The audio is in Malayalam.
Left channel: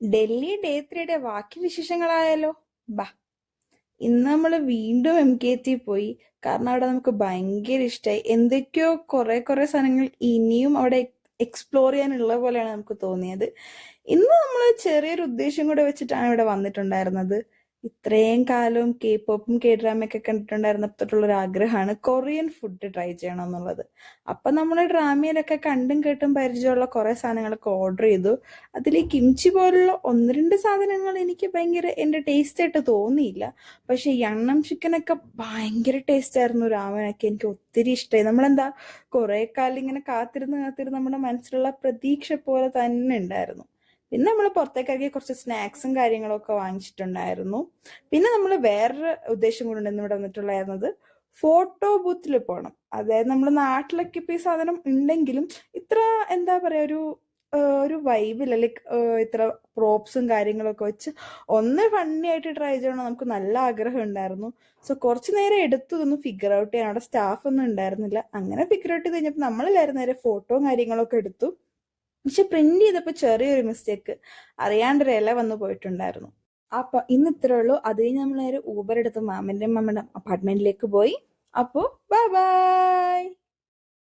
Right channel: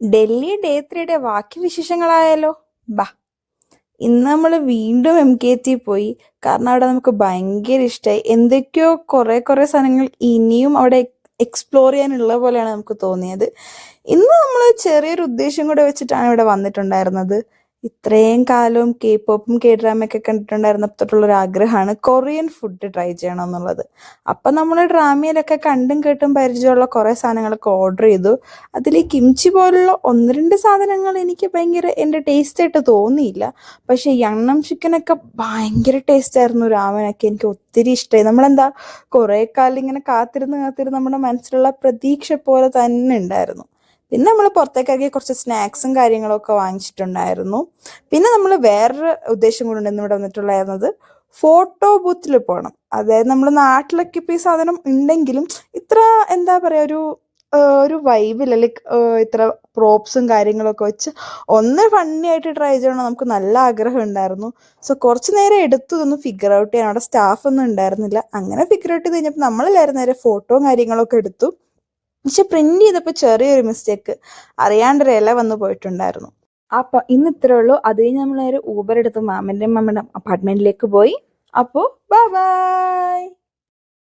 ഡൽഹി ഡേ 3 ബാക്കി വിശേഷങ്ങളായാലോ? ബാ, ഇന്ന് നമ്മൾ വീണ്ടും MKT പോയി. കാരണം അവിടെ നമുക്ക് ഭയങ്കര ഇഷ്ടമായി. എന്തൊക്കെയോ കുറെ കുറെ സാധനങ്ങൾ ഇനിയും അവിടെ എക്സ്പ്ലോർ ചെയ്യാനുള്ള പോലെയാണ് നമുക്ക് തോന്നിയത്. ഇന്ന് നമ്മൾ ചെറിയൊരു ഉദ്ദേശം കൂടെ വെച്ചിട്ടാണ് ഇവിടെ വന്നിട്ടുണ്ടായിരുന്നത്. ഇത്രയും കാലവും K-pop K-drama കണ്ടിട്ടുണ്ടായിരുന്നപ്പോൾ തൊട്ടുള്ള ഒരു ആഗ്രഹമാണ് കൊറിയൻ ഫുഡ് ട്രൈ ചെയ്യണം എന്നുള്ളത്. അപ്പൊ നമ്മൾ ഡ്രാമയിലൊക്കെ കണ്ടും കേട്ടും പരിചയമുള്ള കുറെ സാധനങ്ങളൊക്കെ ഓർഡർ ചെയ്തു. അതിൽ ഈ കിംചി പോലുള്ള ഒന്ന് രണ്ട് സാധനങ്ങൾ എനിക്ക് ഭയങ്കര എൻ്റെ ടേസ്റ്റ് ആയിട്ട് തോന്നിയില്ല. പക്ഷെ യണ്ണം ചിക്കനൊക്കെ ഭയങ്കര ടേസ്റ്റ് ആയിരുന്നു. രാമനൊക്കെ എനിക്ക് ഒത്തിരി ഇഷ്ടമായി. നമ്മളെന്താ കുറെ കാലം ഇങ്ങനെ കാത്തിരുന്ന് കാത്തിരുന്ന് നമ്മുടെ മനസ്സിലുള്ള പ്രതീക്ഷ പോലെ തന്നെ ഉണ്ടായിരുന്നു. പിന്നെ നമ്മൾ പുറത്തേക്കാക്കി കുറച്ച് സ്നാക്സും കാര്യങ്ങളൊക്കെ വാങ്ങിച്ചിട്ടുണ്ടായിരുന്നു. പിന്നെ നമ്മൾ വേറൊരു ഉദ്ദേശം കൂടെ ഉണ്ട് ഇവിടെ വന്നിട്ടുണ്ടായിരുന്നത്, ഫോട്ടോ ബൂത്തിൽ പോകണം. അതായത് നമ്മുടെ നാട്ടിലൊക്കെ ഇപ്പൊ ഈ സാധനം ഉണ്ടെങ്കിലും ഇത്ര എന്താ പറയാ ഒരു വൈബില്ല. ലൈക്ക് ഇത്ര പ്രോപ്സും കാര്യങ്ങളൊക്കെ വെച്ച് ഒന്ന് ഫണ്ണി ആയിട്ട് ട്രൈ ചെയ്യണം നമുക്ക് നല്ല ആഗ്രഹം ഉണ്ടായിരുന്നു. സോ കുറച്ച് നേരം എടുത്തു ഇതൊന്ന് ഫിഗർ ഔട്ട് ചെയ്യാൻ. അവിടെ സ്റ്റാഫ് ഒന്നും ഉണ്ടായിരുന്നില്ല. അങ്ങനെ ഫിഗർ ഔട്ട് ചെയ്ത് കഴിഞ്ഞപ്പോൾ നമ്മളെല്ലാവരും നേരെ ഫോട്ടോയും കാര്യങ്ങളൊക്കെ എടുത്തു. പക്ഷെ പ്രിന്റ് ചെയ്തപ്പോൾ ചെറിയൊരു മിസ്റ്റേക്ക്, അറിയാണ്ടൊരു ഇല വന്നു പോയിട്ടുണ്ടായിരുന്നു. അപ്പൊ ഇന്ന് ഇത്രേ ഉള്ളൂ. അത് കഴിഞ്ഞ് നമ്മൾ നേരെ ഊബർ എടുത്ത് മാമന്റെ അപ്പാർട്ട്മെന്റിലേക്ക് പോയി. അപ്പോൾ ബൈ ബൈ.